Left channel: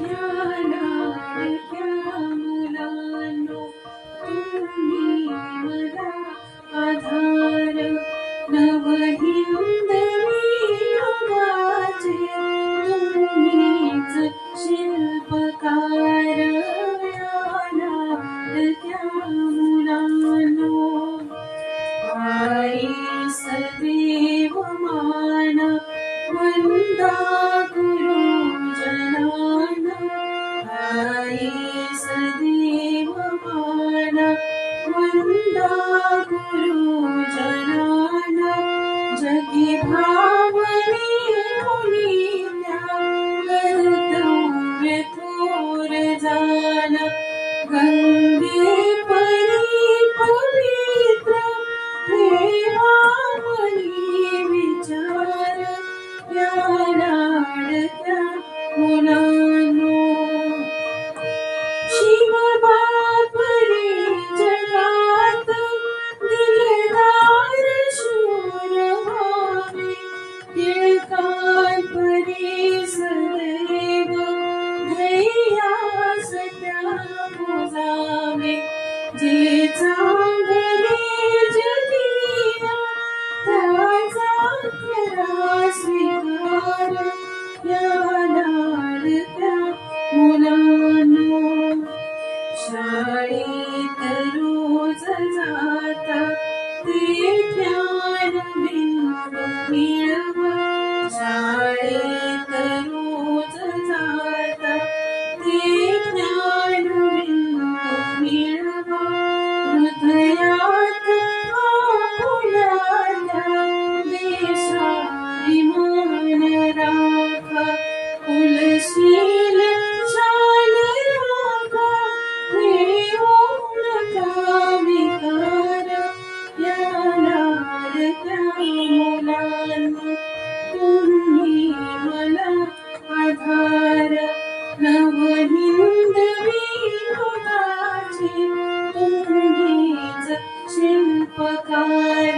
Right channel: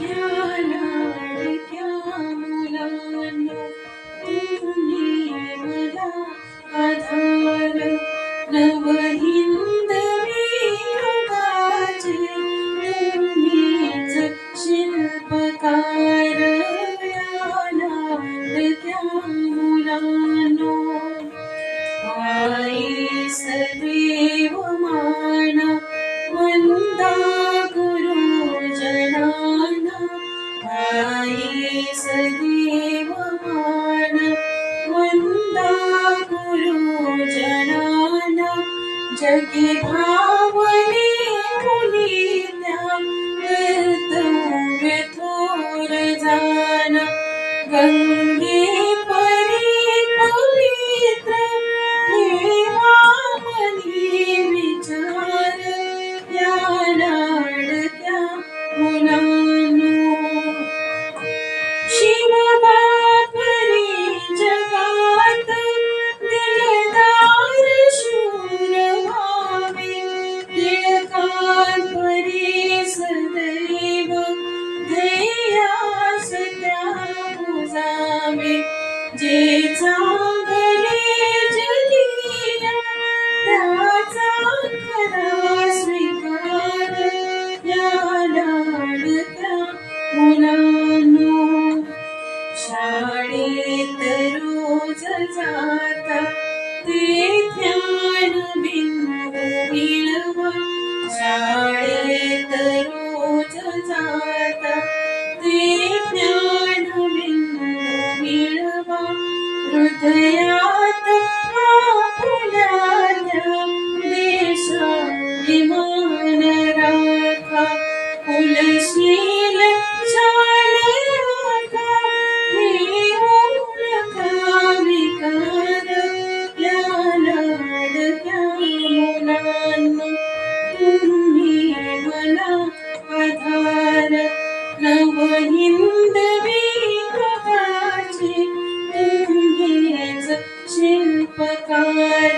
या लाडक्या मुलांनो, तुम्ही मला आधार. नवहिंदवी युगाचे तुम्हीच शिल्पकार. या लाडक्या मुलांनो, आई सदैव माना वंदा गुरुजनाना. आई सदैव माना वंदा गुरुजनाना. जगी भावने मुनी त्या कर्तव्य थोर जाना. गंगे परी पवित्र ठेवा मनी विचार. या लाडक्या मुलांनो, शिवबापरी जगात दिलदार शूर व्हावे. टिळकांपरी सदैव ध्येयास त्या पुजावे. जे चांगले जगिया त्याचा खरा स्वीकार. या लाडक्या मुलांनो, शाळेत रोज जाता ते ज्ञान बिंब मिळवा. शाळेत रोज जाता ते ज्ञान बिंब मिळवा. हृदयात आपुल्या त्या देशाभिमान राखा. कुलशील चाल राखा, ठेवू नका विकार. या लाडक्या मुलांनो, तुम्ही मला आधार. नवहिंदवी युगाचे तुम्हीच शिल्पकार.